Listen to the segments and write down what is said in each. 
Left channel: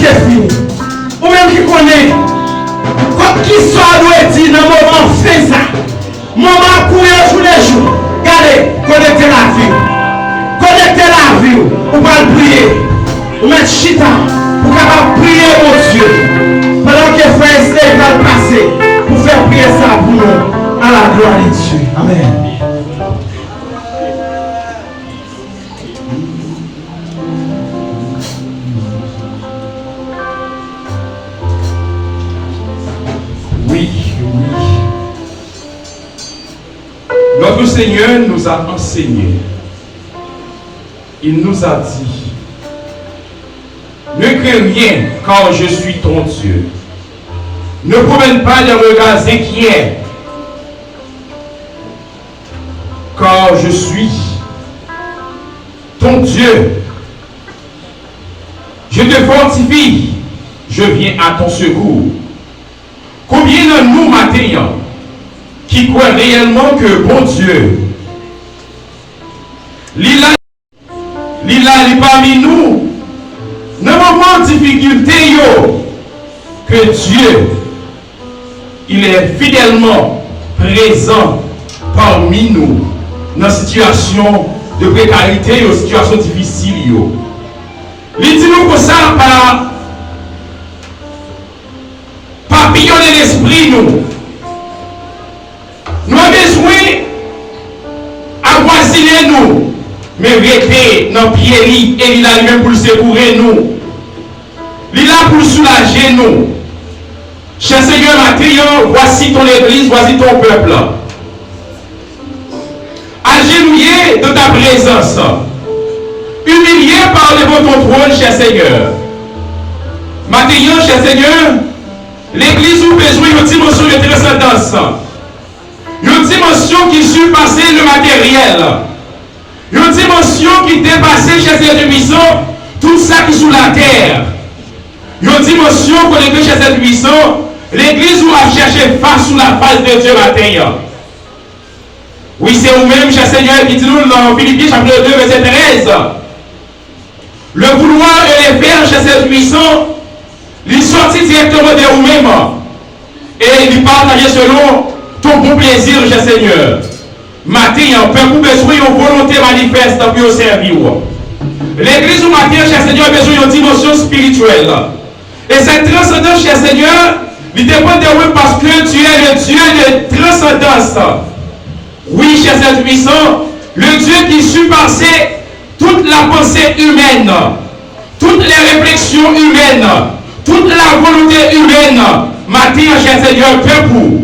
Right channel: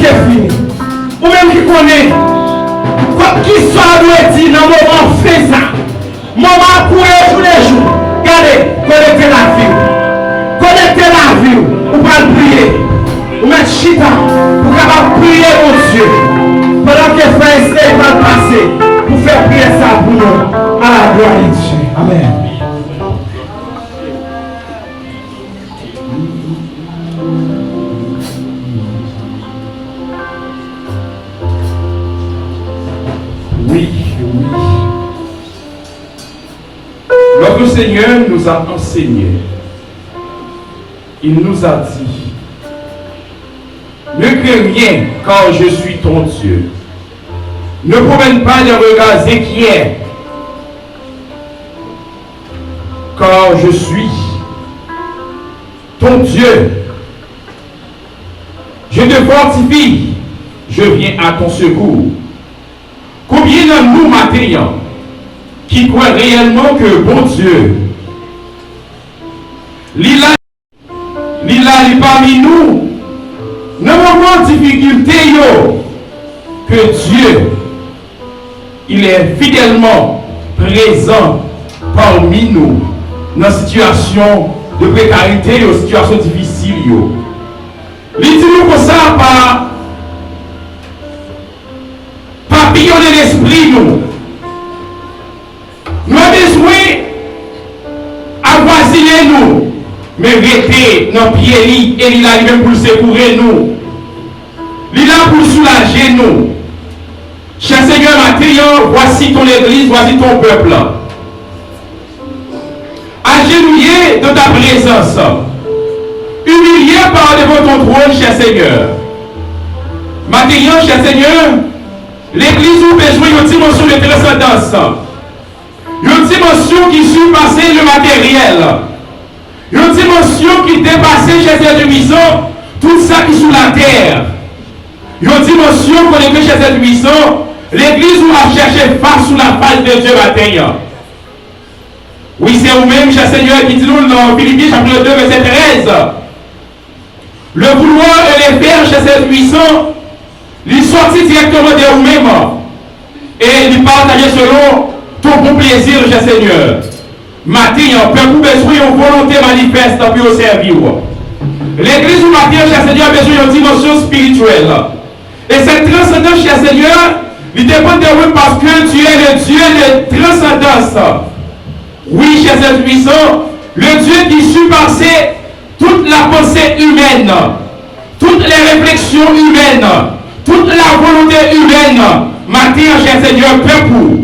presque fini. Ou même qui connaît, qui soit doit dire dans le moment, fait ça. Maman courir tous les jours. Regardez, connectez la vie. Connectez la vie. Ou pas le prier. Ou mettre chita. Pour capable prier au Dieu. Pendant que frère Esther va passer. Pour faire prier ça pour nous. À la gloire de Dieu. Amen. Oui. Notre Seigneur nous a enseigné. Il nous a dit, ne crains rien car je suis ton Dieu. Ne promène pas des regards inquiets car je suis ton Dieu. Je te fortifie, je viens à ton secours. Combien de nous maintenant qui croient réellement que bon Dieu, l'il est parmi nous, ne moment de difficulté, que Dieu, il est fidèlement présent parmi nous dans une situation de précarité, une situation difficile. Il dit nous comme ça par papillonner l'esprit nous. Nous avons besoin d'avoisiner nous, mais rester dans le pied et il a lui-même pour secourir nous. Il est là pour soulager nous. Cher Seigneur, Mathieu, voici ton église, voici ton peuple. Agenouillé de ta présence, humilié par devant ton trône, cher Seigneur. Mathieu, cher Seigneur, l'église a besoin d'une dimension de transcendance. Une dimension qui surpasse le matériel. Une dimension qui dépasse, cher Seigneur puissant, tout ça qui est sous la terre. Une dimension pour l'église, cher Seigneur puissant, l'église où a cherché face sous la face de Dieu matin. Oui, c'est vous-même, cher Seigneur, qui dit nous dans Philippiens chapitre 2, verset 13. Le vouloir et les faire, cher Seigneur puissant, il sortit directement de vous-même et il partageait selon ton bon plaisir, cher Seigneur. Matin, peuple besoin d'une volonté manifeste pour servir. L'église ou matin, cher Seigneur, a besoin d'une dimension spirituelle. Et cette transcendance, cher Seigneur, il dépend de vous parce que tu es le Dieu de transcendance. Oui, cher Seigneur puissant, le Dieu qui surpasse toute la pensée humaine, toutes les réflexions humaines, toute la volonté humaine. Matin, cher Seigneur, peuple,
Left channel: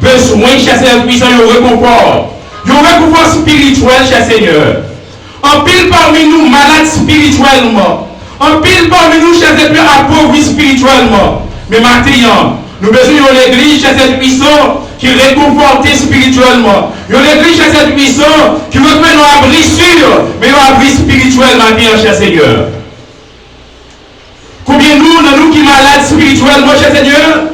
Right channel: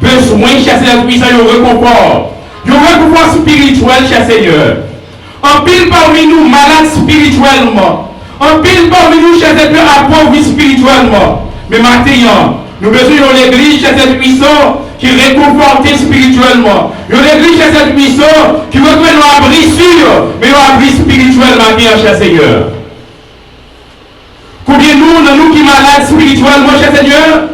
besoin, cher Seigneur puissant, un réconfort. Un réconfort spirituel, cher Seigneur. En pile parmi nous, malades spirituellement. En pile parmi nous, cher Seigneur, appauvris spirituellement. Mais maintenant, nous besoin d'une église, cher Seigneur puissant, qui réconforte spirituellement. Une église, cher Seigneur puissant, qui veut que nous abri sûr, mais nous abri spirituel maintenant, cher Seigneur. Combien nous qui malades spirituellement, cher Seigneur,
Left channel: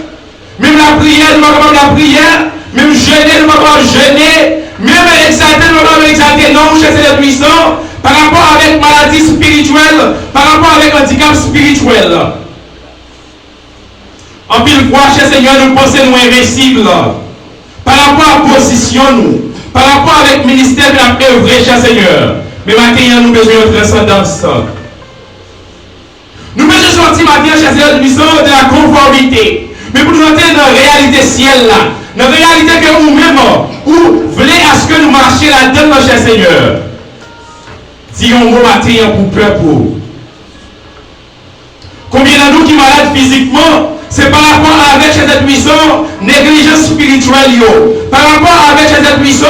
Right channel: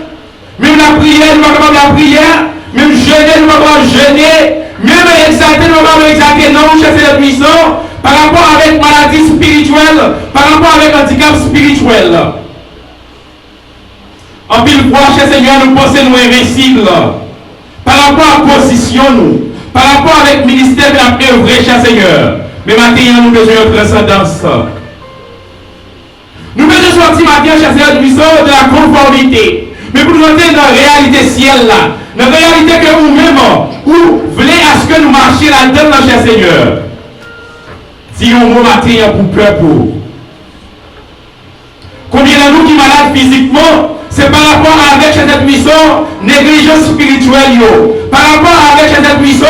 même la prière, nous avons la prière, même jeûner, nous avons jeûner, même exalter, nous avons exalter, non, cher Seigneur puissant, par rapport avec maladie spirituelle, par rapport avec handicap spirituel. En pile fois, cher Seigneur, nous pensons nous invincibles. Par rapport à la position, nous, par rapport avec le ministère de la œuvre, cher Seigneur. Mais maintenant, nous avons besoin de transcendance. Nous devons sortir maintenant, cher Seigneur, de la conformité. Mais pour nous entrer dans la réalité ciel là, dans la réalité que nous-mêmes, ou voulez à ce que nous marchions là-dedans, cher Seigneur. Disons un mot matin pour peuple. Combien de nous qui sont malades physiquement, c'est par rapport avec cette puissance, négligence spirituelle, par rapport avec cette puissance,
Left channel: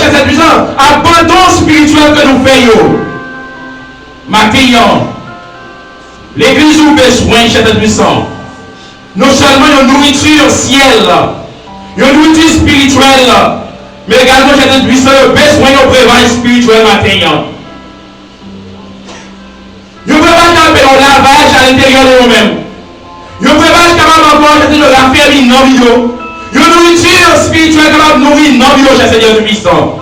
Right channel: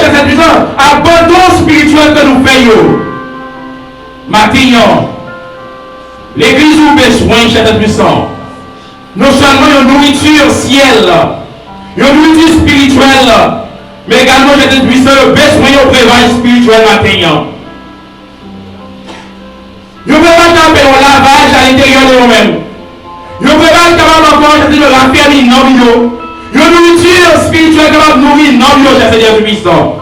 cette puissance, abandon spirituel que nous faisons. Maintenant, l'église a besoin de cette puissance. Non seulement une nourriture ciel, une nourriture spirituelle, mais également cette puissance besoin de prévoir spirituel maintenant. Nous ne pouvons pas faire un lavage à l'intérieur de nous-mêmes. Nous ne pouvons pas capable de la famille non bio. Une nourriture spirituelle capable de nourrir non bio, cher Seigneur du puissant.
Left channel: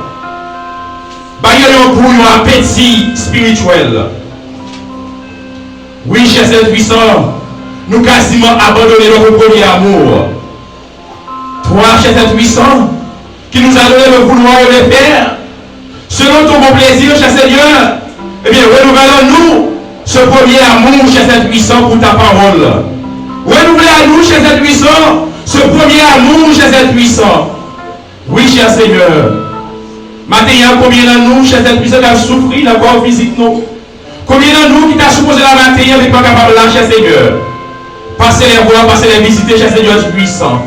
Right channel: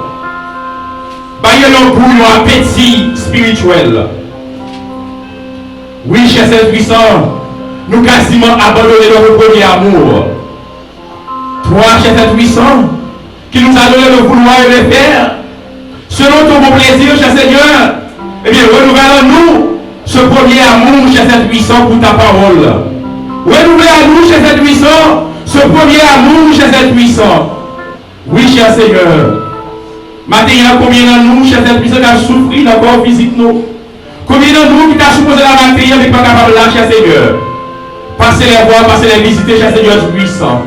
Il y a un appétit spirituel. Oui, cher Saint-Puissant, nous quasiment abandonné notre premier amour. Toi, cher Saint-Puissant, qui nous a donné le vouloir et le faire, selon ton bon plaisir, cher Seigneur, eh bien, renouvellons-nous ce premier amour, cher Saint-Puissant, pour ta parole. Renouvelez à nous, cher Saint-Puissant, ce premier amour, cher Saint-Puissant. Oui, cher Seigneur. Maintenant, combien de nous, cher Saint-Puissant, qui a souffert dans le corps physique, nous? Combien de nous qui t'a supposé la matinée, n'est pas capable de là, cher Seigneur? Passez les voir, passez les visiter, cher Seigneur puissant.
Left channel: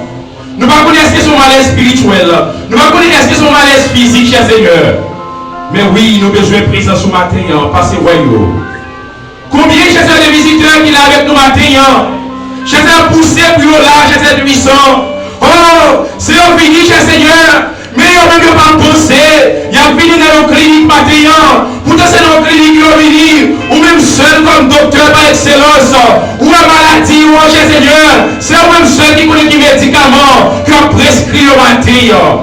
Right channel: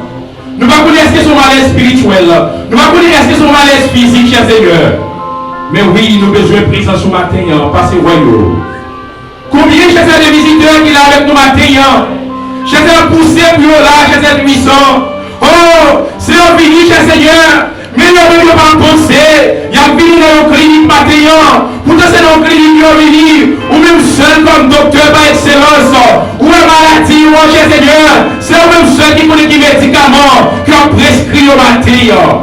Nous ne connaissons pas son malaise spirituel. Nous ne connaissons pas son malaise physique, cher Seigneur. Mais oui, nous avons besoin de présence ce matin, passez ouais. Combien, cher Seigneur, de visiteurs qui sont avec nous matin? Cher Seigneur, poussez pour là, cher Seigneur puissant. Oh, c'est fini, cher Seigneur. Mais il n'y a même pas pensé. Il y a venu dans nos cliniques matin. Pourtant, c'est dans nos cliniques qui ont venu. Ou même seul comme docteur par excellence. Ou une maladie, ou un cher Seigneur. C'est même seul qui connaît des médicaments qui ont prescrit au matin.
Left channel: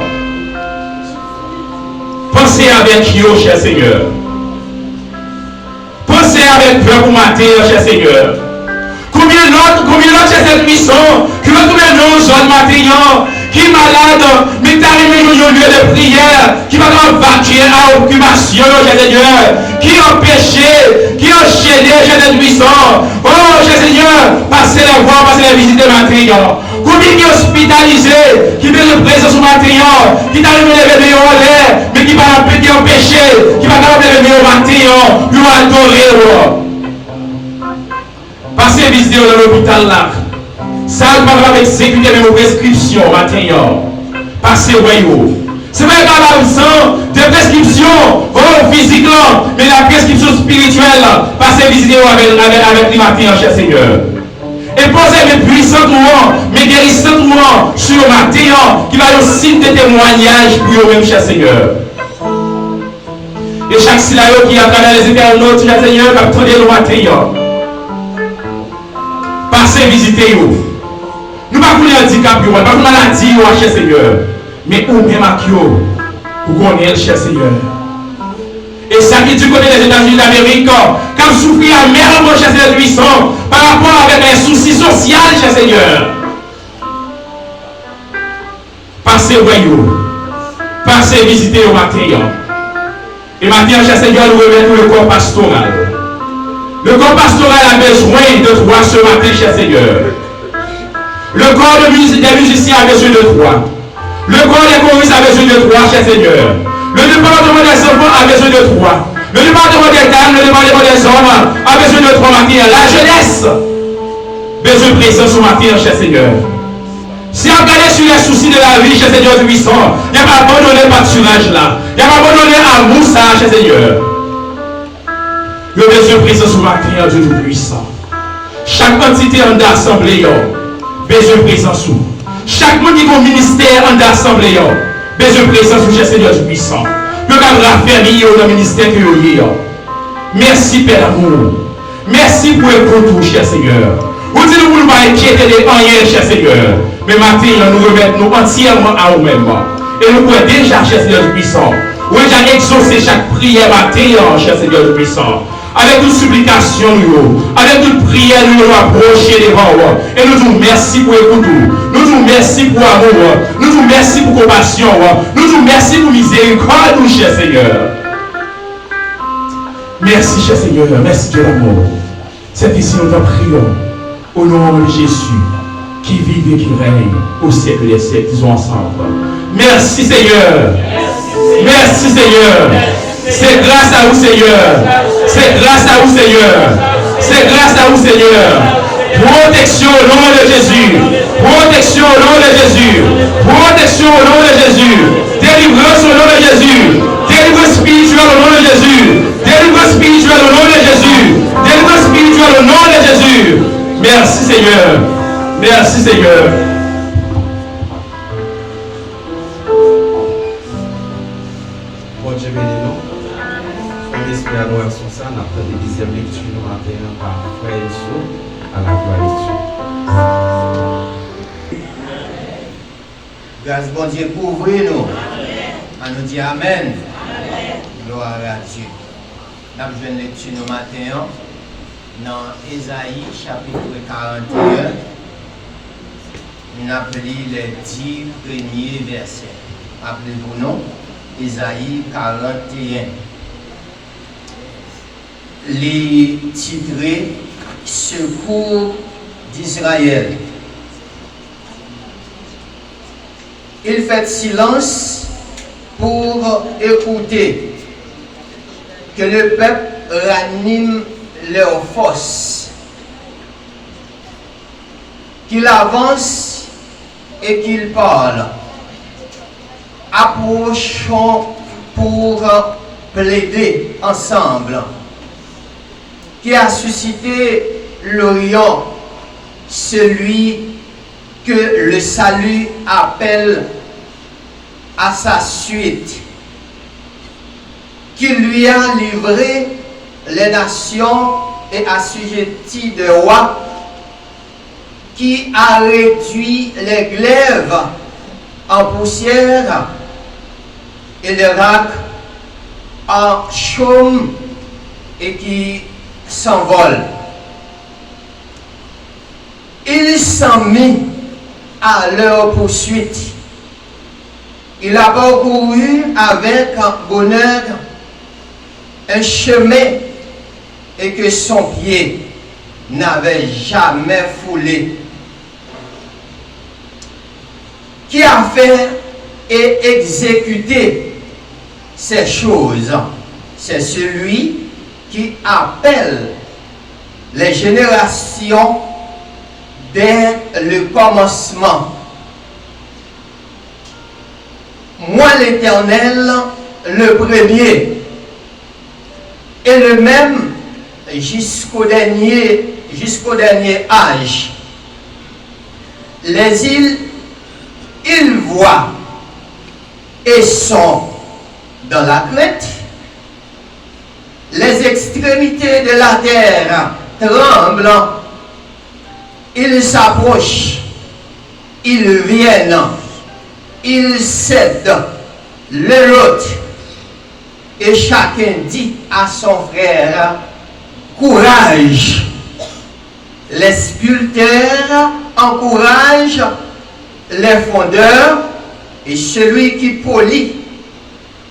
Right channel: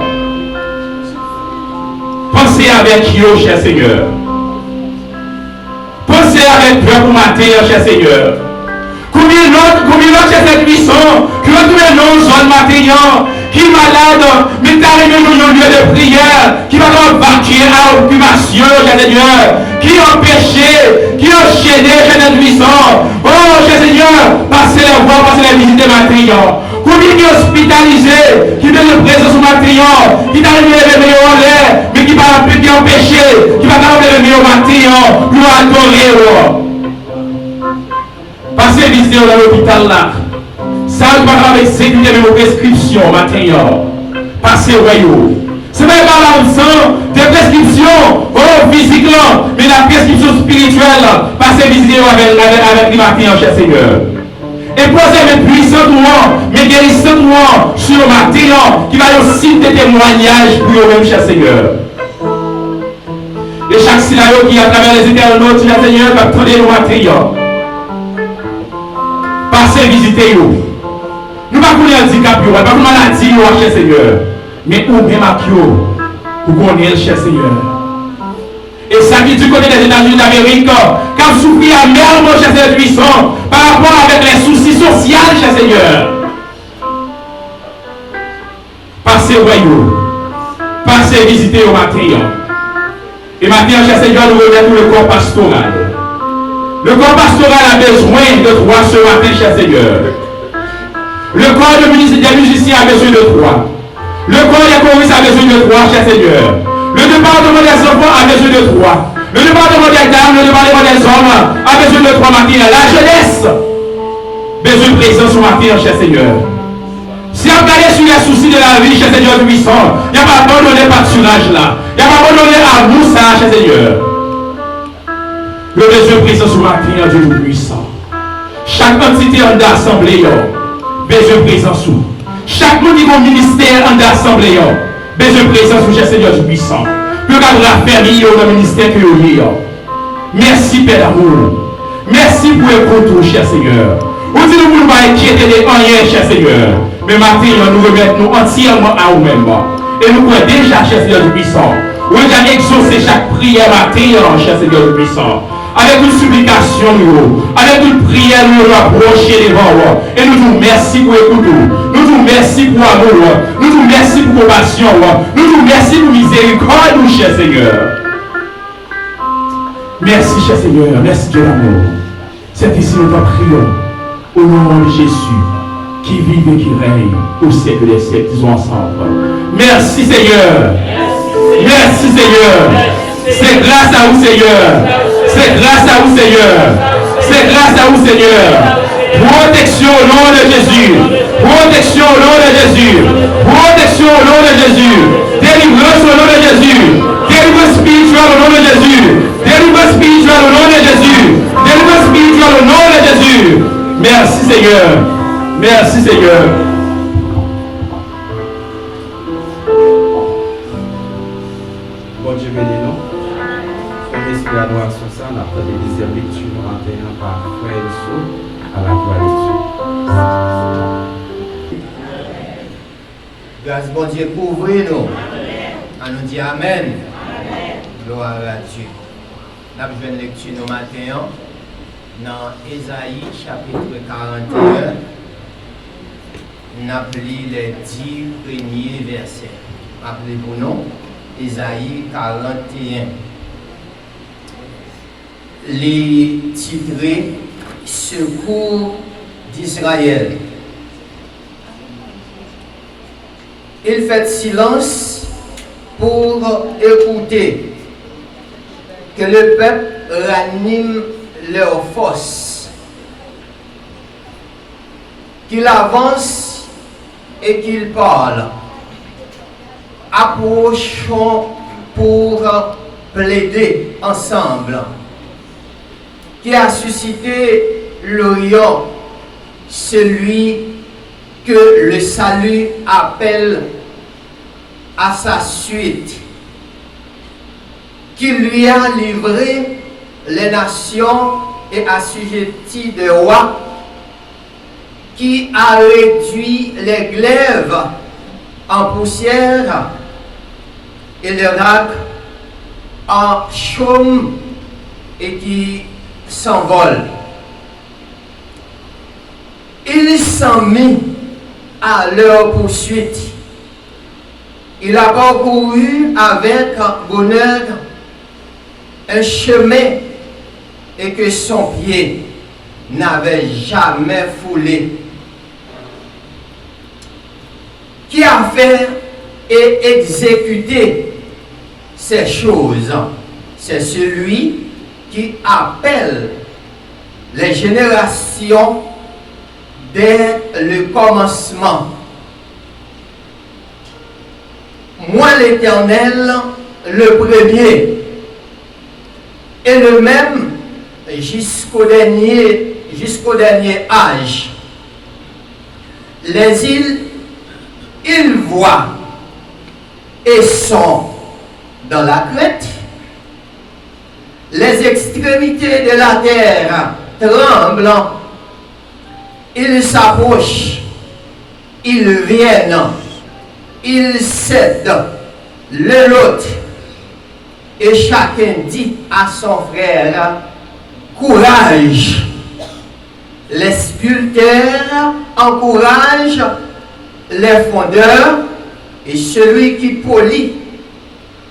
Pensez avec eux, cher Seigneur. Pensez avec peur pour matin, cher Seigneur. Combien d'autres, cher Seigneur puissant, qui ont trouvé nos zones matin, qui est malade, mais tu arrives dans un lieu de prière, qui va dans vacuer à occupation, cher Seigneur, qui est empêché, qui est enchaîné, cher Seigneur puissant. Oh, cher Seigneur, passez les voir, passez les visiter matin. Combien qui est hospitalisé, qui veut le présence au matin, qui t'arrive à lever en l'air, mais qui va empêché, qui va lever au matin, pour adorer. Passez visiter dans l'hôpital là. Ça va avec sécurité même aux prescriptions matin. Passez au c'est pas l'absence de prescription physique là, mais la prescription spirituelle. Passez visiter avec les matins, cher Seigneur. Et posez mes puissants mes guérissants sur le matin qui va aussi des témoignages pour eux-mêmes, cher Seigneur. Et chaque syllabe qui est à travers les internautes, cher Seigneur, va tourner le matin. Passez visiter vous. Nous ne pouvons pas handicap, nous ne pouvons pas maladie, cher Seigneur. Mais où même à vous, vous connaissez, cher Seigneur. Et ça qui est du côté des États-Unis d'Amérique, quand vous souffrez amèrement, cher Seigneur puissant, par rapport avec les soucis sociaux, cher Seigneur. Passez au royaume. Passez visiter au matin. Et maintenant, cher Seigneur, nous remettons le corps pastoral. Le corps pastoral a besoin de toi ce matin, cher Seigneur. Le corps des musiciens a besoin de toi. Le corps des choristes a besoin de toi, cher Seigneur. Le département des enfants a besoin de toi. Le département des dames, le département des hommes a besoin de toi, matin. La jeunesse besoin de présence ce matin, cher Seigneur. Si on regarde sur les soucis de la vie, cher Seigneur puissant, il n'y a pas abandonné le pâturage là. Il n'y a pas abandonné l'amour, ça, cher Seigneur. Le besoin de présence ce matin, Dieu puissant. Chaque entité en assemblée, besoin de présence. Chaque monde qui a un ministère en assemblée, besoin de présence, cher Seigneur puissant. Pour garder la famille dans le ministère que vous avez. Merci, Père d'amour. Merci pour le retour, cher Seigneur. Vous dites que nous ne pas inquiéter de rien, cher Seigneur. Mais maintenant, nous remettons entièrement à vous-même. Et nous pouvons déjà, cher Seigneur puissant, vous avez déjà exaucé chaque prière matin, cher Seigneur puissant. Avec une supplication, avec une prière, nous nous approcher devant vous. Et nous disons merci pour écouter. Nous disons merci pour amour. Nous disons merci pour compassion. Nous disons merci pour miséricorde, cher Seigneur. Merci, cher Seigneur. Merci, Dieu d'amour. C'est ici nous t'en prions. Au nom de Jésus, qui vit et qui règne au siècle des siècles, disons ensemble. Merci, Seigneur. Merci, Seigneur. C'est grâce à vous, Seigneur. C'est grâce à vous, Seigneur. C'est grâce à vous, Seigneur. Protection au nom de Jésus. Protection au nom de Jésus. Protection au nom de Jésus. Délivrance au nom de Jésus. Délivrance spirituelle au nom de Jésus. Délivrance spirituelle au nom de Jésus. Délivrance spirituelle au nom de Jésus. Merci, Seigneur. Merci, Seigneur. Bon Dieu bénis nous. Esprit à nous son sang, nous avons des deuxième lecture nous matin par frère Elso à la lecture. Grâce bon Dieu couvre nous. On nous dit Amen. Gloire à Dieu. Nous avons une lecture nous matin dans Ésaïe chapitre 41, on appelle les 10 premiers versets. Rappelez-vous, non? Ésaïe 41. Les titrés Secours d'Israël. Il fait silence pour écouter, que le peuple ranime leurs forces, qu'il avance et qu'il parle. Approchons pour plaider ensemble. Qui a suscité l'Orient, celui que le salut appelle à sa suite, qui lui a livré les nations et assujetti des rois, qui a réduit les glaives en poussière et les racs en chaume et qui s'envole. Il s'en mit à leur poursuite. Il a parcouru avec bonheur un chemin et que son pied n'avait jamais foulé. Qui a fait et exécuté ces choses? C'est celui qui appelle les générations dès le commencement. Moi l'Éternel, le premier, et le même jusqu'au dernier âge. Les îles, ils voient et sont dans la crainte. Les extrémités de la terre tremblent. Ils s'approchent, ils viennent, ils cèdent l'un l'autre. Et chacun dit à son frère, courage. Les sculpteurs encouragent les fondeurs, et celui qui polit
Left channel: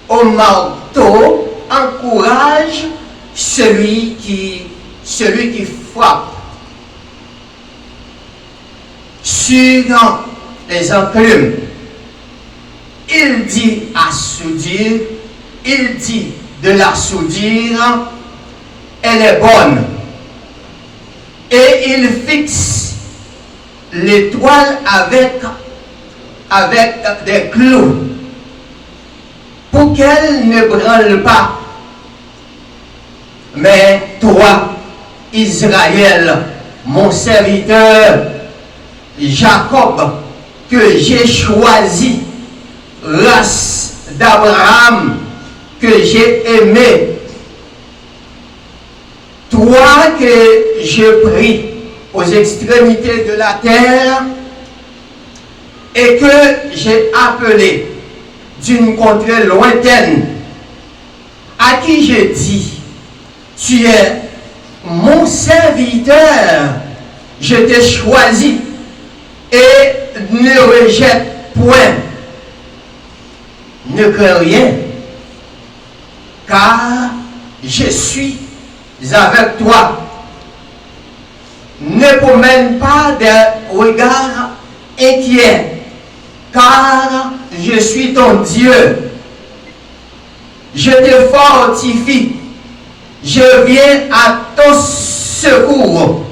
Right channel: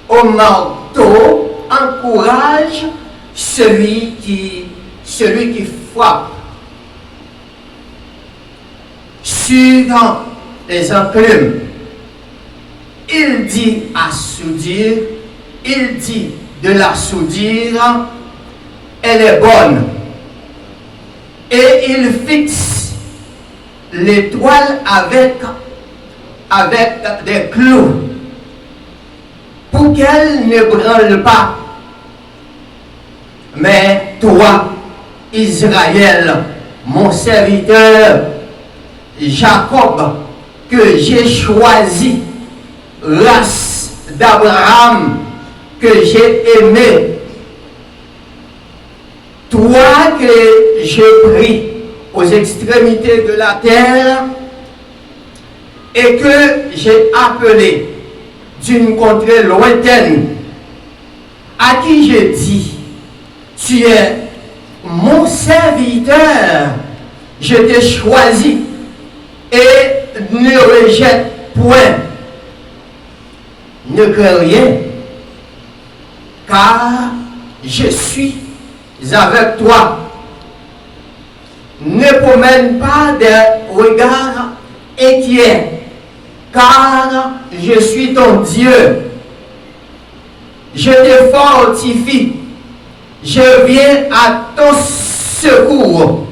au marteau encourage celui qui frappe. Sur les enclumes, il dit à soudire, il dit de la soudure, elle est bonne. Et il fixe l'étoile avec des clous pour qu'elle ne brûle pas. Mais toi, Israël, mon serviteur, Jacob, que j'ai choisi, race d'Abraham, que j'ai aimé, toi que j'ai pris aux extrémités de la terre et que j'ai appelé d'une contrée lointaine, à qui j'ai dit, tu es mon serviteur, je t'ai choisi et ne rejette point, ne crains rien, car je suis avec toi. Ne promène pas des regards inquiets, car je suis ton Dieu. Je te fortifie, je viens à ton secours,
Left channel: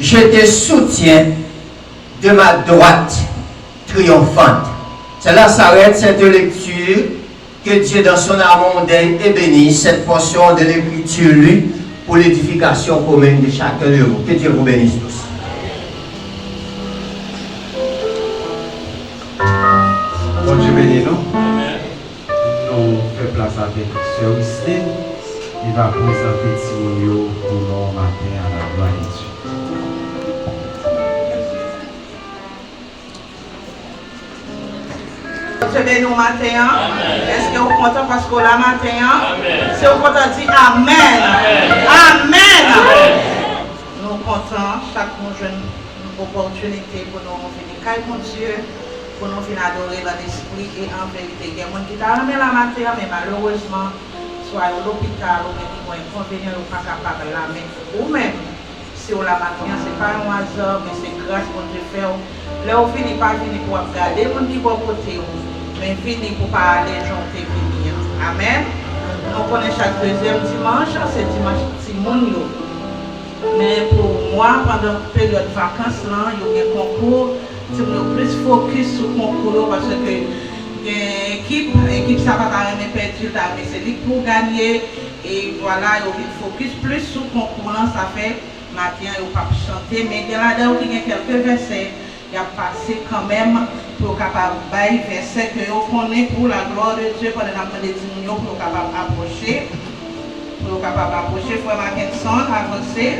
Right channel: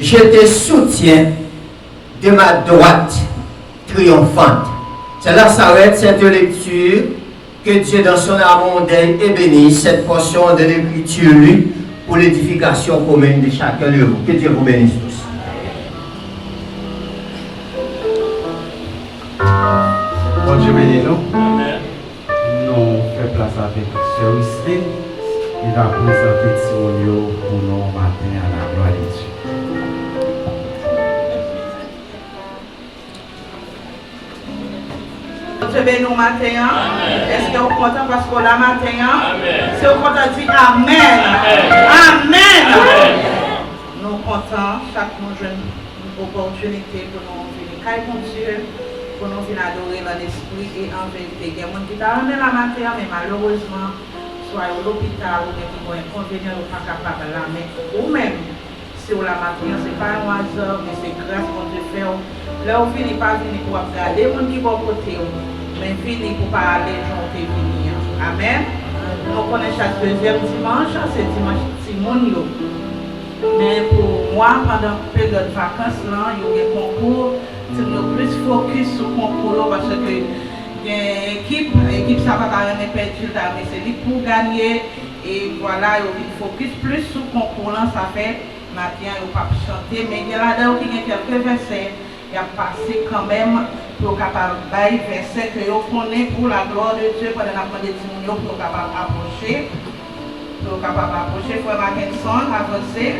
je te soutiens de ma droite triomphante. Cela s'arrête cette lecture. Que Dieu dans son amour d'elle ait béni cette portion de l'écriture lue pour l'édification commune de chacun de vous. Que Dieu vous bénisse tous. Bon Dieu bénisse nous. Nous faisons place avec Sœur Isley. Il va présenter Timonio pour nous matin à la gloire de Dieu. Nous matin, est-ce que vous êtes content parce que la matin, si vous êtes content, dit Amen. Amen. chaque monde une opportunité pour nous venir caille mon Dieu, pour nous venir adorer dans l'esprit et en vérité. Il y a des gens qui t'a ramené la matière, mais malheureusement, soit à l'hôpital ou même qui ont inconvénient ou pas capable de la mettre. Ou même, si on la matière, ce n'est pas un hasard, mais c'est grâce qu'on te fait. Là, on finit pas venir pour regarder les gens qui vont côté, mais venir pour parler, j'en t'ai venir. Amen. On connaît chaque deuxième dimanche, c'est dimanche Timonio. Mais pour moi, pendant la période de vacances, il y a des concours, c'est plus focus sur le concours parce que l'équipe, ça va pas même perdu, mais c'est lui pour gagner. Et voilà, il y a focus plus sur le concours, ça fait, maintenant, il n'y a pas chanter, mais il y a là-dedans quelques versets. Il a passé quand même pour capable bailler verset que vous connaissez pour la gloire de Dieu pendant la des millions pour capable approcher. Pour capable approcher, il faut Mackinson avancer.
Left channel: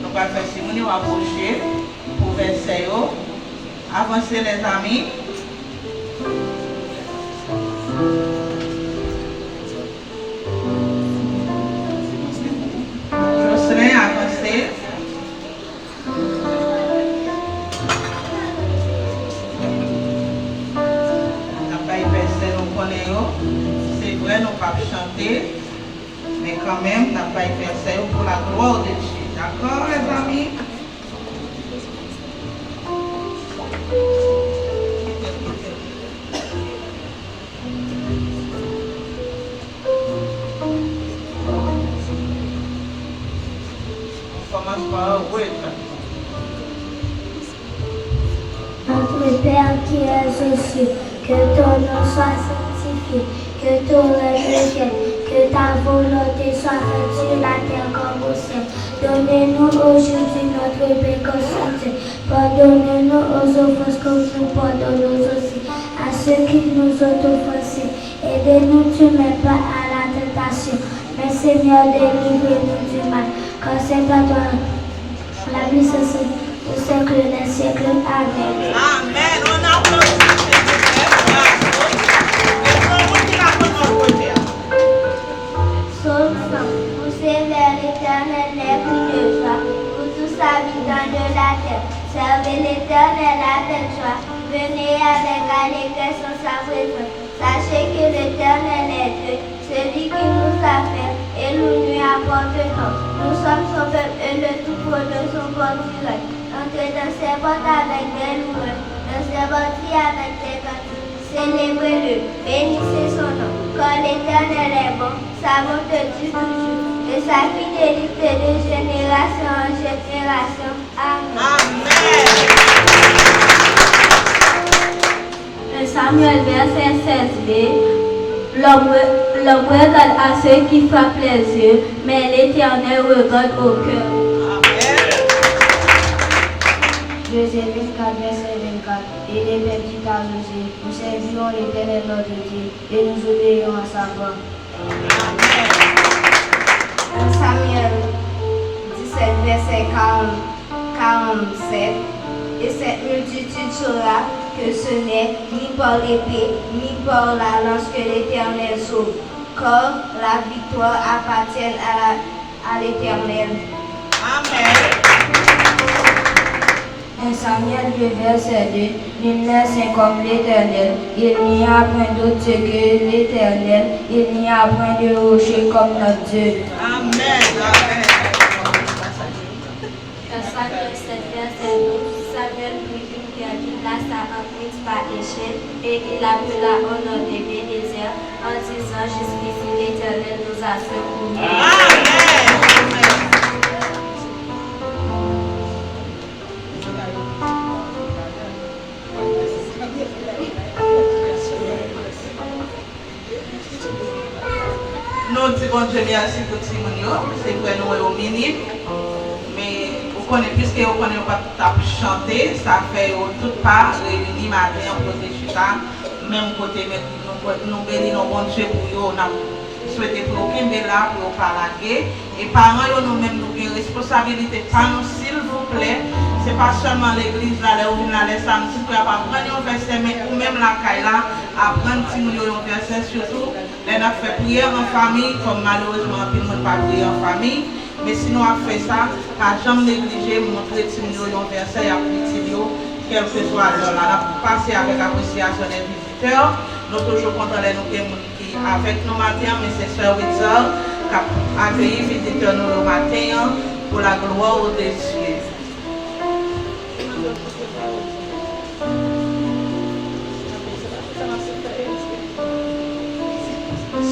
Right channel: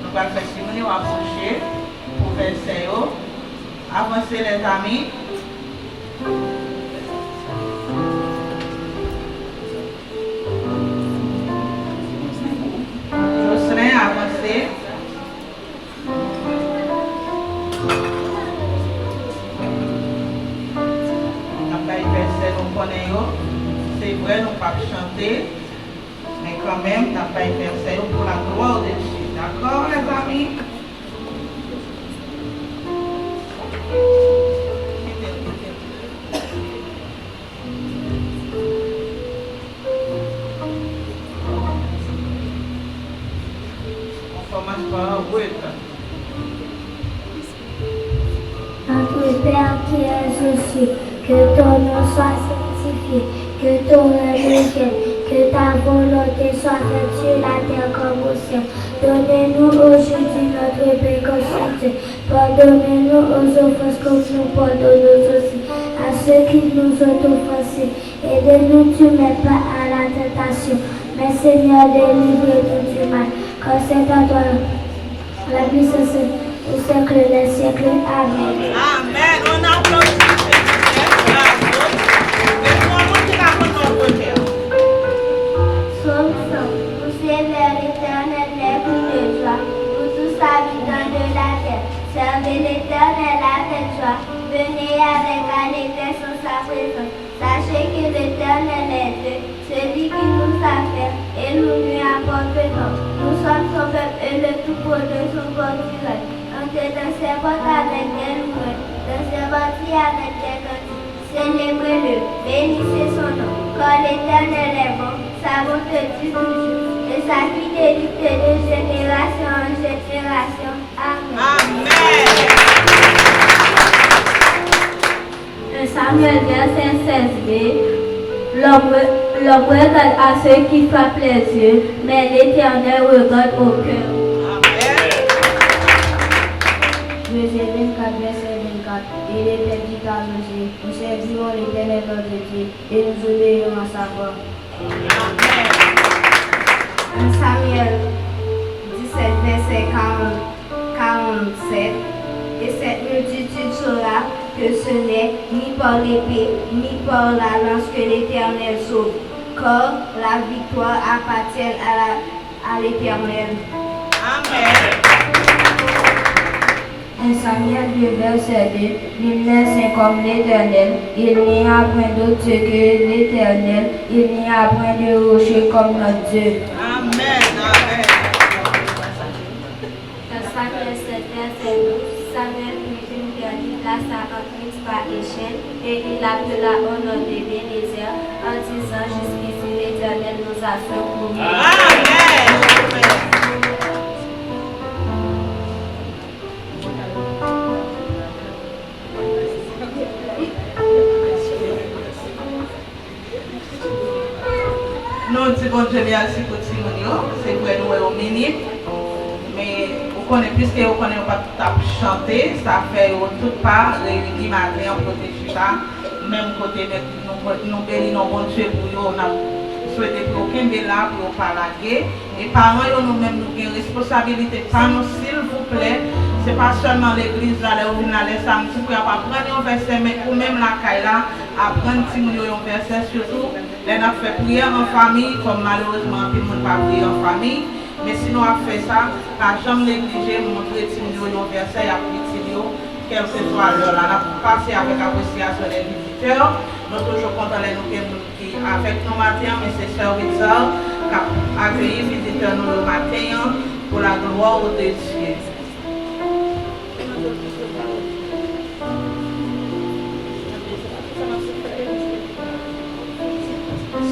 Nous allons faire Simone approcher pour verset. Avancer les amis. Jocelyn avancer. C'est vrai, nous ne pouvons pas chanter, mais quand même, nous n'avons pas fait ça pour la gloire de Dieu. D'accord, les amis? On commence par oui. Notre Père qui es aux cieux, que ton nom soit sanctifié, que ton règne vienne, que ta volonté soit faite sur la terre comme au ciel. Donne-nous aujourd'hui notre pain quotidien. Pardonne-nous aux offenses comme nous pardonnons aussi à ceux qui nous ont offensés. Et ne nous mets pas à la tentation, mais Seigneur, délivre-nous du mal. Car c'est à toi la puissance au siècle des siècles. Amen. Amen. On applaudit. Poussez vers l'éternel les cris de joie, pour tous habitants de la terre. Servez l'éternel avec joie, venez avec allégresse en sa présence. Sachez que l'éternel est Dieu, celui qui nous a fait, et nous lui appartenons. Nous sommes son peuple et le troupeau de son portefeuille. Entrez dans ses portes avec des louanges, dans ses bâtiments avec des cantiques. Célébrez-le, bénissez son nom, car l'éternel est bon, sa bonté dure toujours, et sa fidélité de génération en génération. Amen. Amen. Samuel verset 16b. L'homme regarde à ceux qui frappent les yeux, mais l'Éternel regarde au cœur. Amen. Josué 24, verset 24. Et les pères dit à Josué, nous servirons l'Éternel notre Dieu, et nous obéirons à sa voix. Amen. Samuel 17, verset 47. Et cette multitude saura que ce n'est ni par l'épée, ni par la lance que l'Éternel sauve, car la victoire appartient à l'Éternel. Amen. 1 Samuel 2, verset 2. Nul n'est saint comme l'Éternel, il n'y a point d'autre Dieu que l'Éternel, il n'y a point de rocher comme notre Dieu. Amen. Amen. Samuel 7, verset 12. Samuel prit une pierre qui plaça en Christ par échelle, et il appela au nom de Bénézer, en disant jusqu'ici l'Éternel nous a secourus. Amen. Nous disons Dieu merci pour Simonio, c'est vrai nous sommes minimes, mais vous connaissez, puisque vous connaissez pas tout chanter, ça fait tout pas réunir matin pour protéger ça, même côté nous bénissons bon Dieu pour eux, on a souhaité pour aucun là pour pas laguer, et parents nous-mêmes nous avons une responsabilité par nous s'il vous plaît. Ce n'est pas seulement l'église là, où on a les samedis pour apprendre un verset, mais ou même la caille là, apprendre un verset, surtout, les gens fait prière en famille, comme malheureusement, tout le monde pas prier en famille. Mais sinon, on fait ça, pas jamais négliger, montrer un verset à petit, quel que soit l'heure. Là, pour passer avec appréciation des visiteurs, nous sommes toujours contents de nous communiquer avec nous matin, mais c'est Sœur Witzel qui a accueilli les visiteurs nous le matin pour la gloire de Dieu.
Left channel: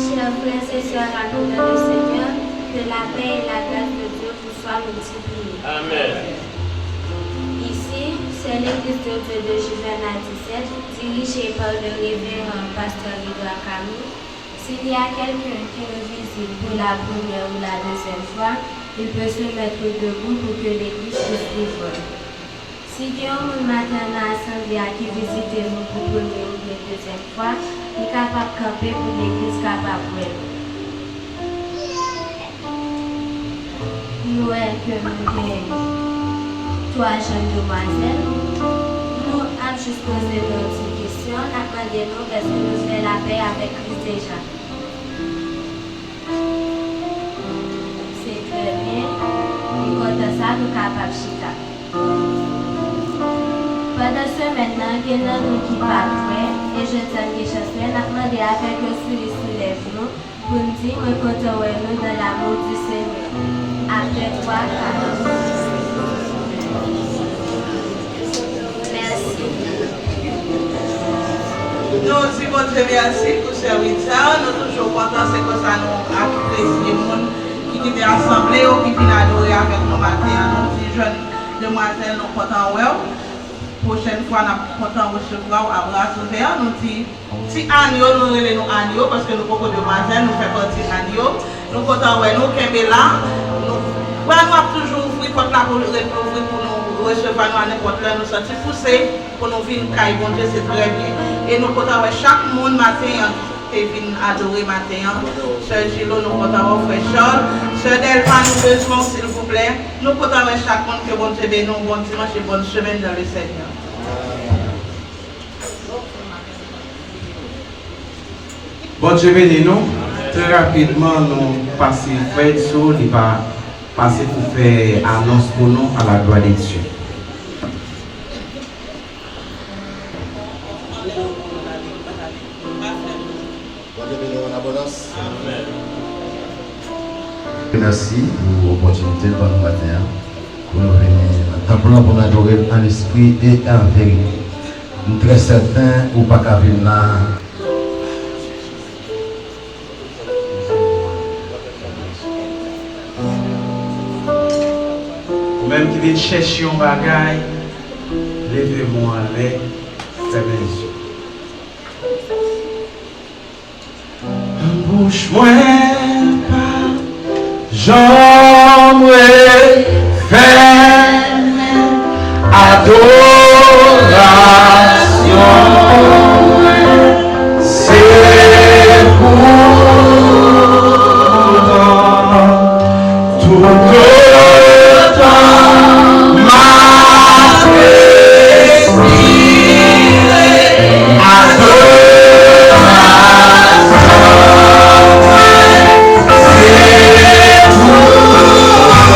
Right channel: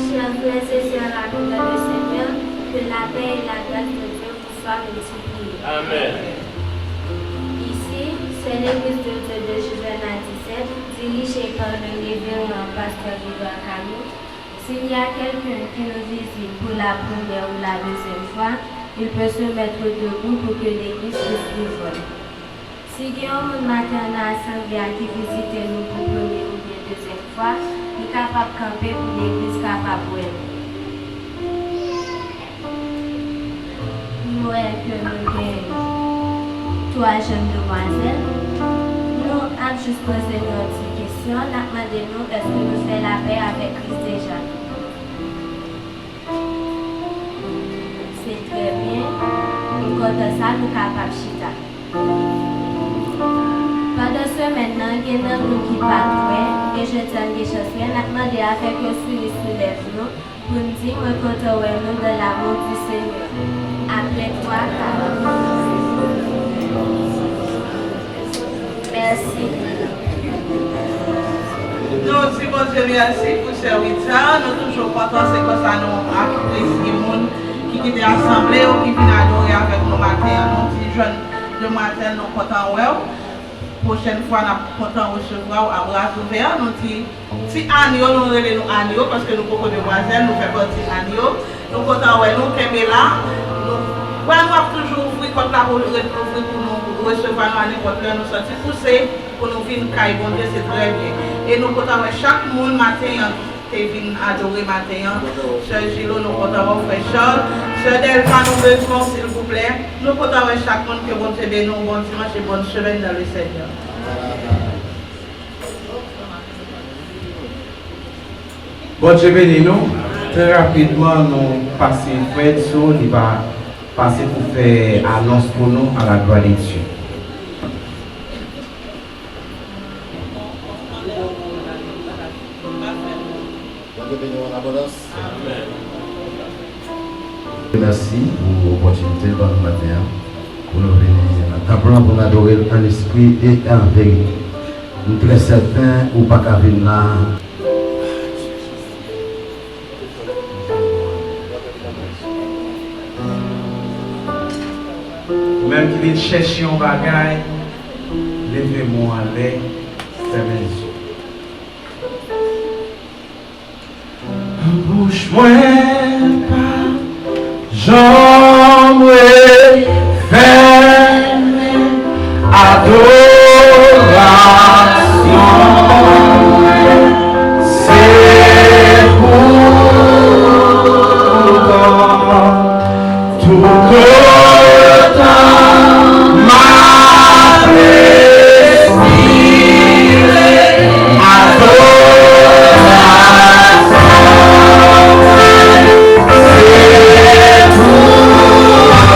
Chers frères et sœurs, amis dans le Seigneur, que la paix et la grâce de Dieu vous soient multipliées. Amen. Ici, c'est l'église de Dieu de Juvenal 17, dirigée par le révérend pasteur Edouard Camille. S'il y a quelqu'un qui nous visite pour la première ou la deuxième fois, il peut se mettre debout pour que l'église puisse vivre. Si Guillaume matin à l'assemblée qui visite nous pour première ou deuxième fois, il est capable de camper pour l'église capable de nous que nous avons 3 jeunes demoiselles. Nous avons juste posé une petite question. Nous avons demandé est-ce que nous faisons la paix avec Christ déjà. C'est très bien. Et quant à ça, nous sommes capables de chita. Pendant ce maintenant, il y a un groupe qui part prêt et je tiens des choses. Nous avons demandé à faire que sous les genoux pour nous dire que nous sommes dans l'amour du Seigneur. Après 3 cas. Merci. Nous aussi, bon Dieu, merci pour ce service. Nous sommes toujours contents, c'est que ça nous apprécie les gens qui viennent assembler ou qui viennent adorer avec nous matin. Nous disons, jeunes demoiselles, nous sommes contents. Prochaine fois, nous sommes contents de recevoir à bras ouverts. Nous disons, si Agneau, nous relèvons Agneau, parce que nous sommes beaucoup de demoiselles, nous faisons partie d'Agneau. Nous sommes contents, nous sommes là. Nous avons toujours ouvert comme la pour nous recevoir nous à n'importe quelle nous sortir pousser pour nous venir caille bon Dieu, c'est très bien. Et nous comptons chaque monde matin qui vient adorer matin. Sœur Gilo, nous comptons frère Charles. Sœur Delphin, nous besoin s'il vous plaît. Nous comptons chaque monde que bon Dieu bénisse, bon dimanche et bonne semaine dans le Seigneur. Bon Dieu bénisse nous. Très rapidement, nous passons Fred Soul, il va passer pour faire annonce pour nous à la gloire de Dieu. Merci pour l'opportunité de votre matin pour nous venir pour nous adorer en esprit et en vérité. Nous sommes très certains ou pas qu'à venir là. Même qui dit chercher un bagage, levez-moi avec fermez les yeux. Bouche moi pas, j'en ferme, adoration, c'est pour tout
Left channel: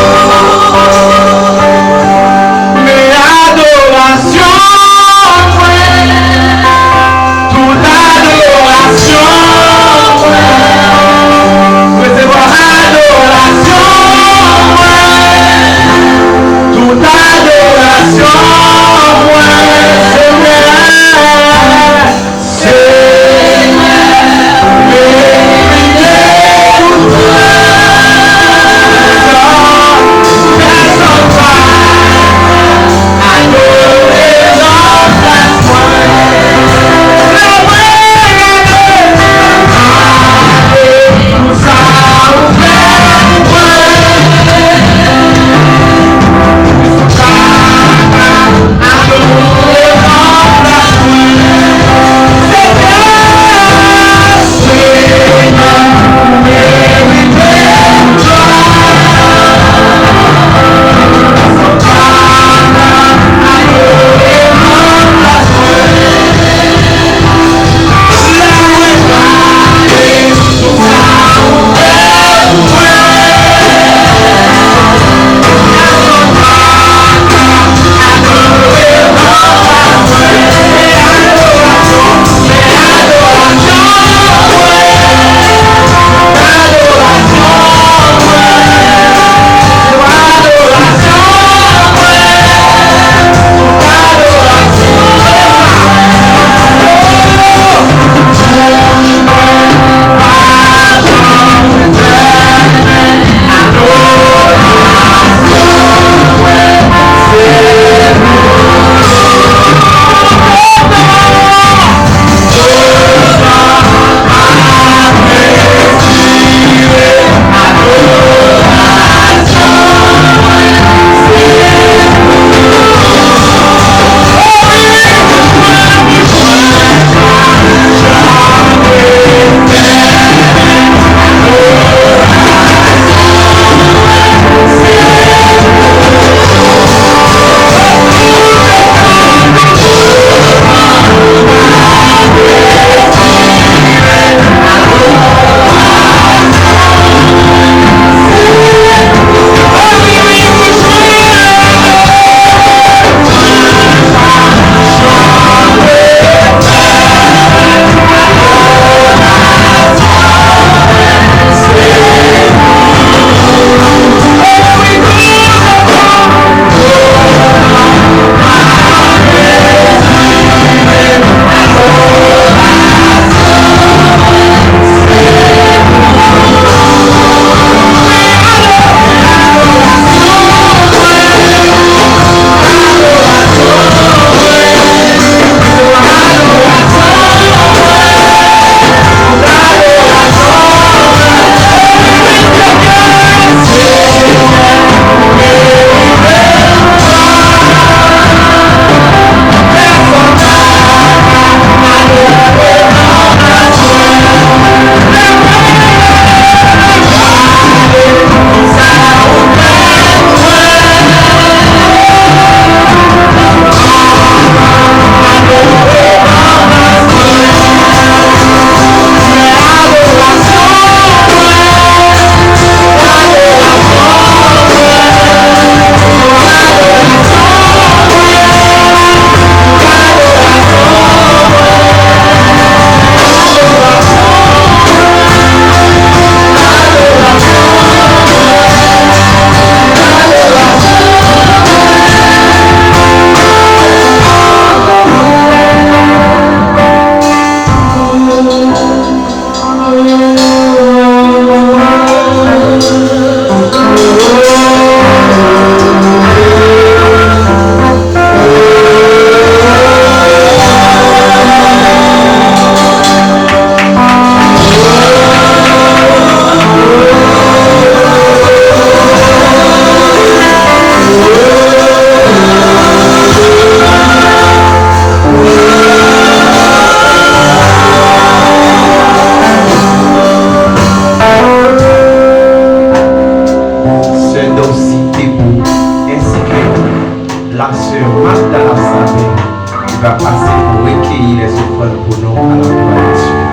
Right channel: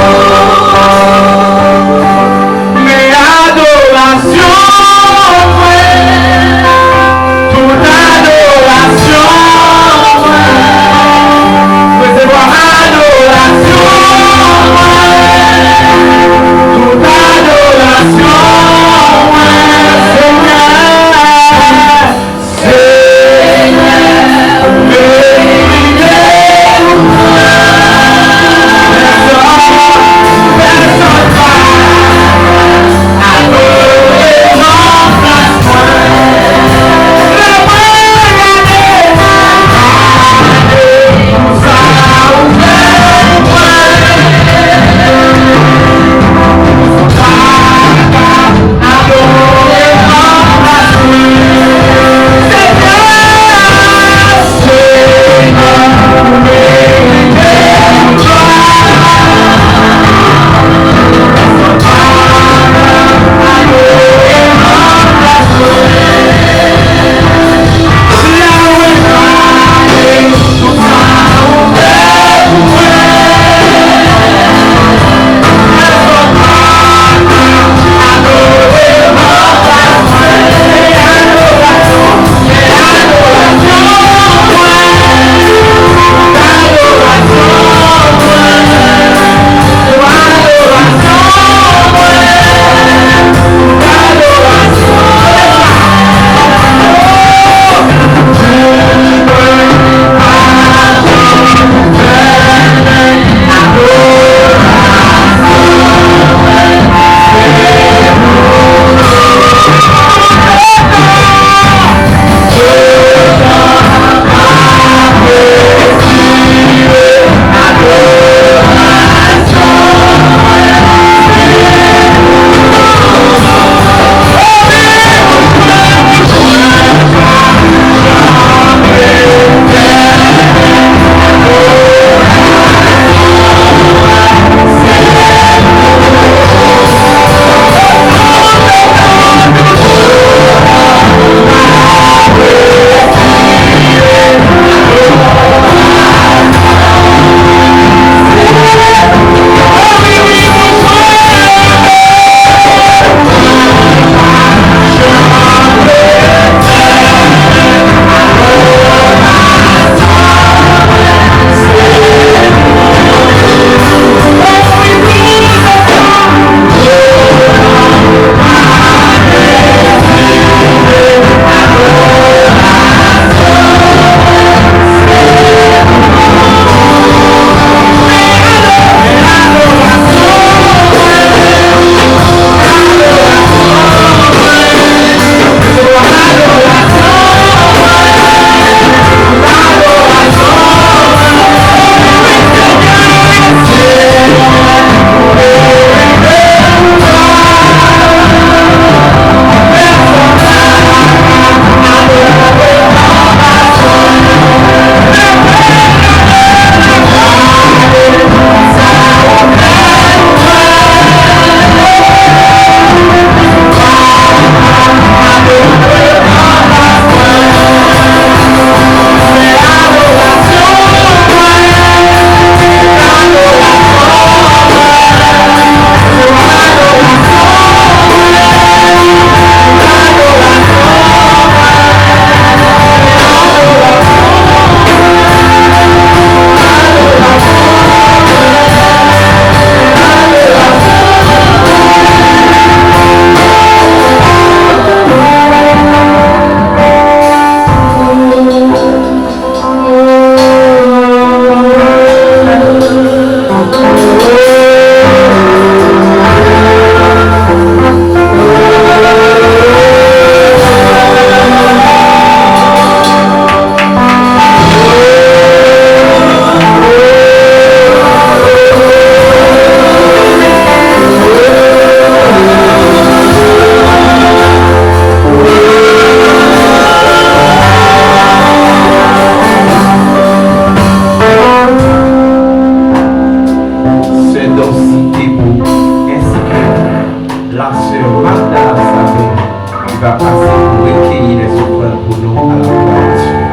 Oh la sœur Magda Sabé qui va passer pour recueillir les offrandes pour nous à la gloire de Dieu.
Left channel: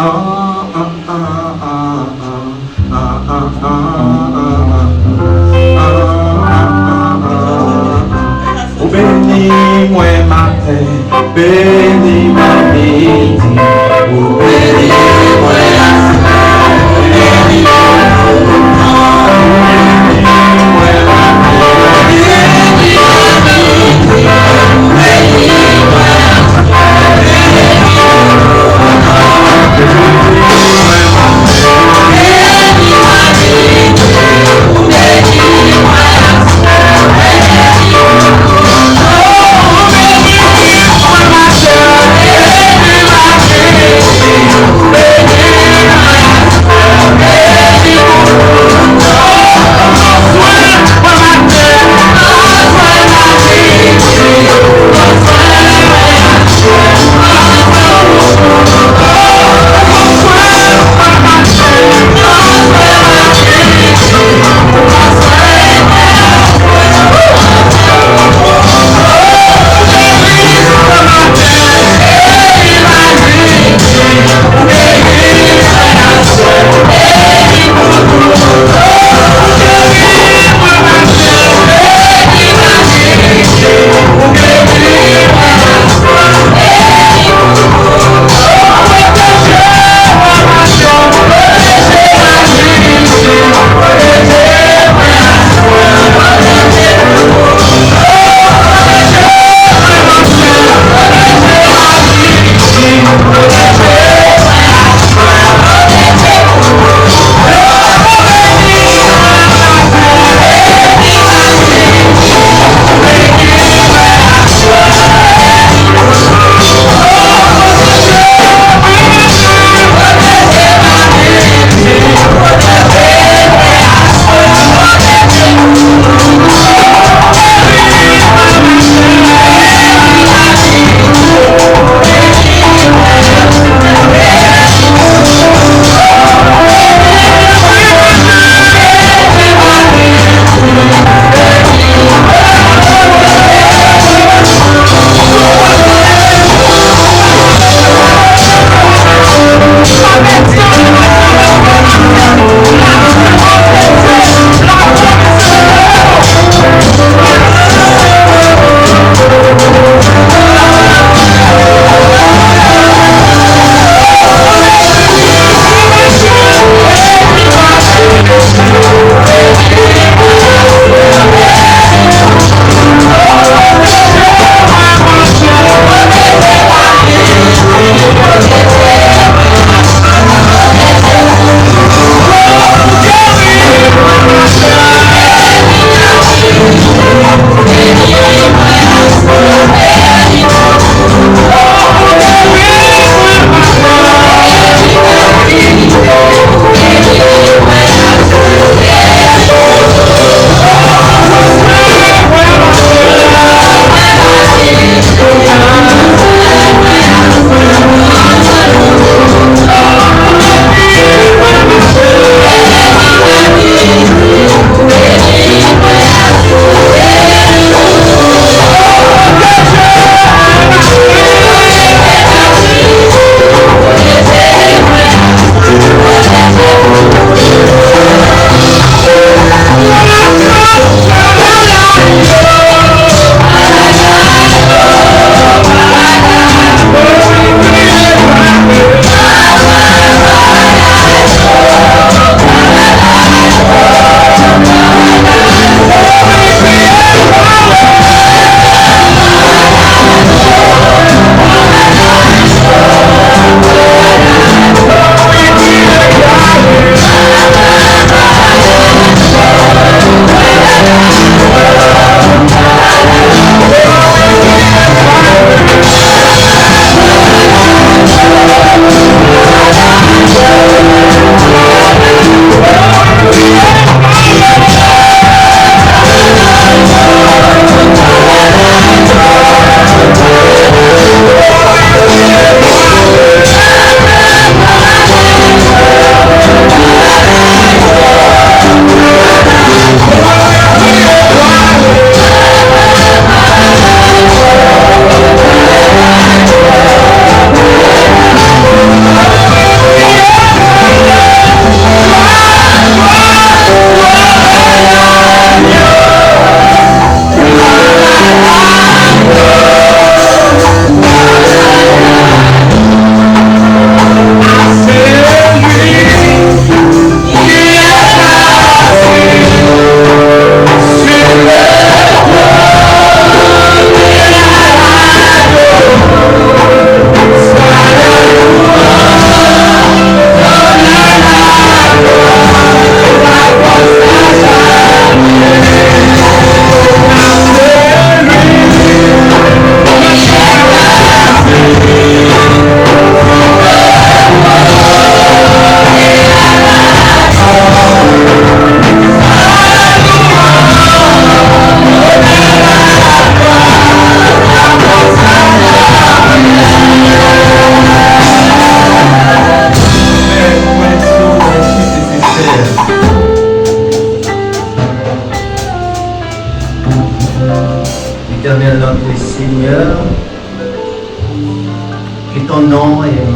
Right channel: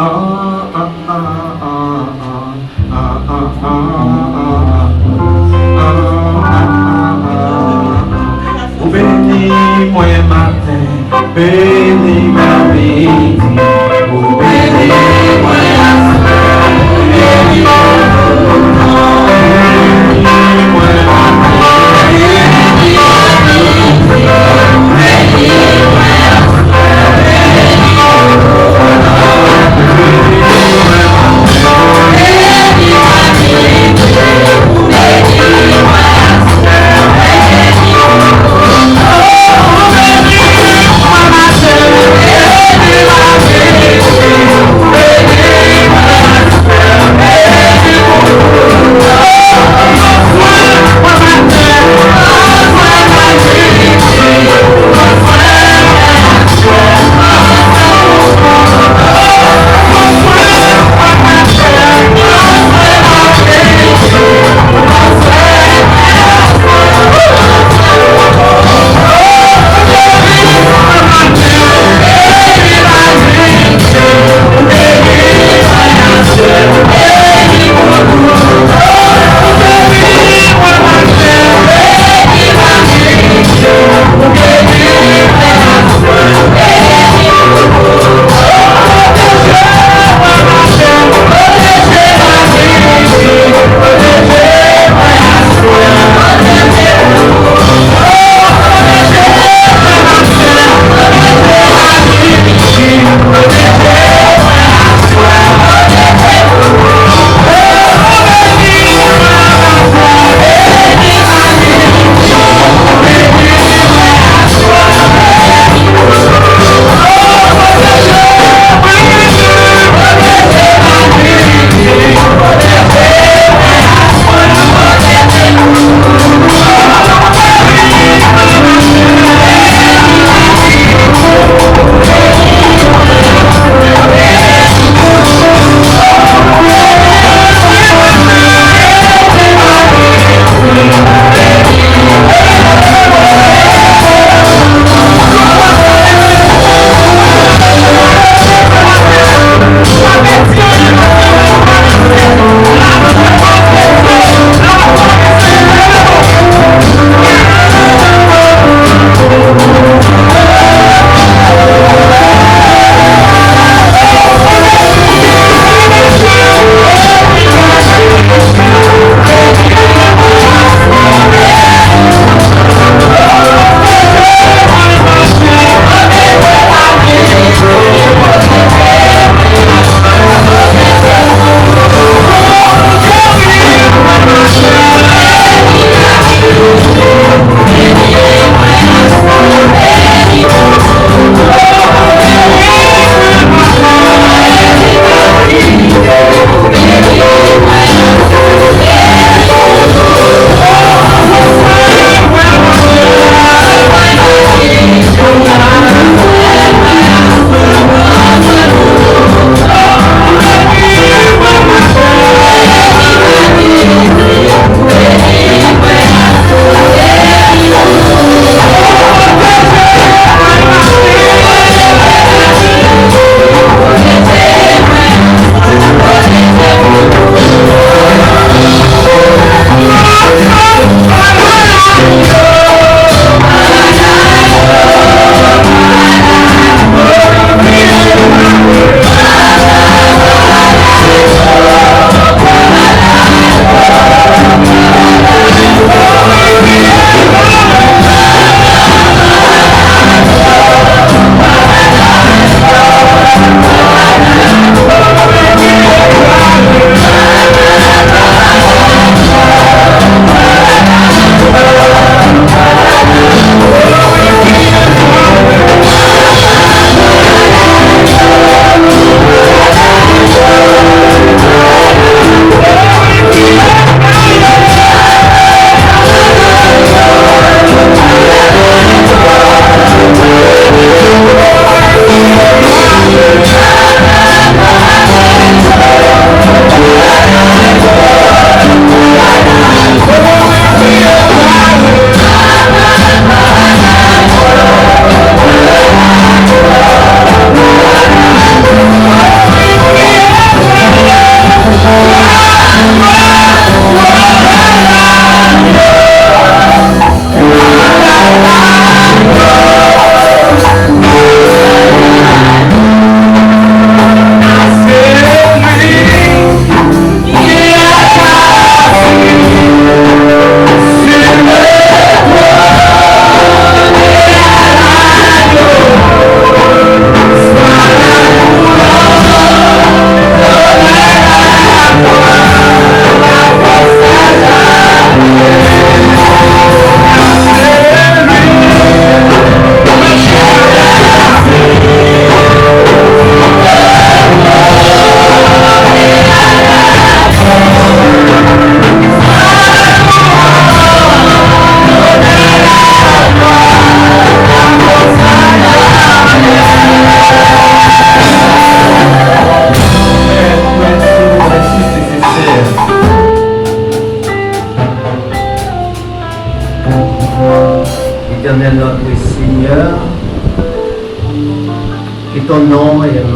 Amen. Amen.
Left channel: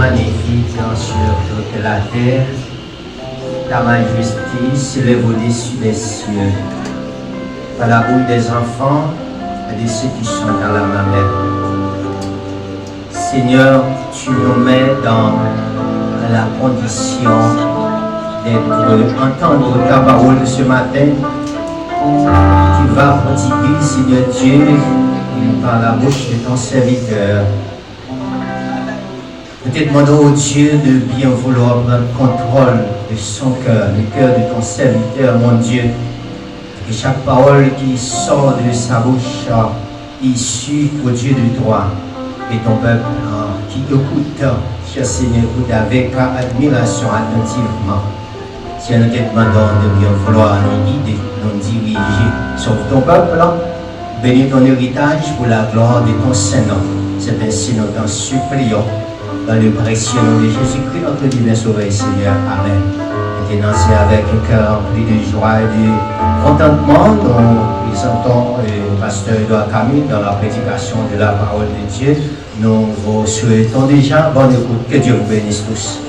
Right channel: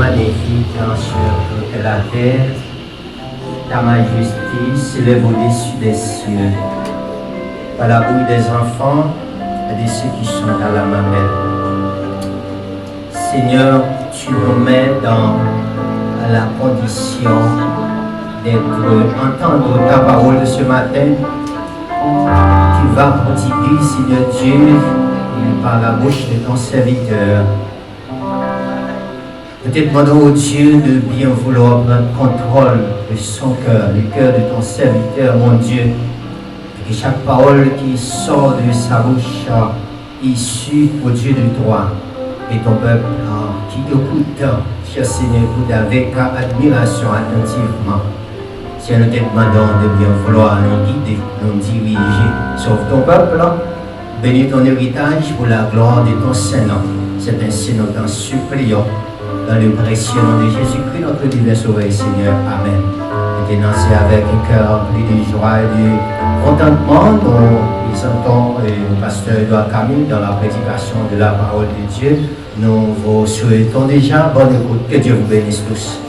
magnifique sur toute la terre. Ta majesté s'élève au-dessus des cieux. À la bouille des enfants et de ceux qui sont dans la mamelle. Seigneur, tu nous mets dans la condition d'être entendre ta parole de ce matin. Tu vas prodiguer, Seigneur Dieu, par la bouche de ton serviteur. Nous te demandons au Dieu de bien vouloir prendre contrôle de son cœur, le cœur de ton serviteur, mon Dieu. Que chaque parole qui sort de sa bouche issue au Dieu de droit. Et ton peuple qui écoute, cher Seigneur, écoute avec admiration attentivement. Seigneur, nous te demandons de bien vouloir nous guider, nous diriger. Sauve ton peuple, bénis ton héritage pour la gloire de ton Saint-Nom. C'est ainsi nous t'en supplions. Dans le précieux nom de Jésus-Christ, notre divin Sauveur, Seigneur. Amen. Maintenant, c'est avec un cœur rempli de joie et de contentement, nous présentons le pasteur Edouard Camille dans la prédication de la parole de Dieu. Nous vous souhaitons déjà bonne écoute. Que Dieu vous bénisse tous.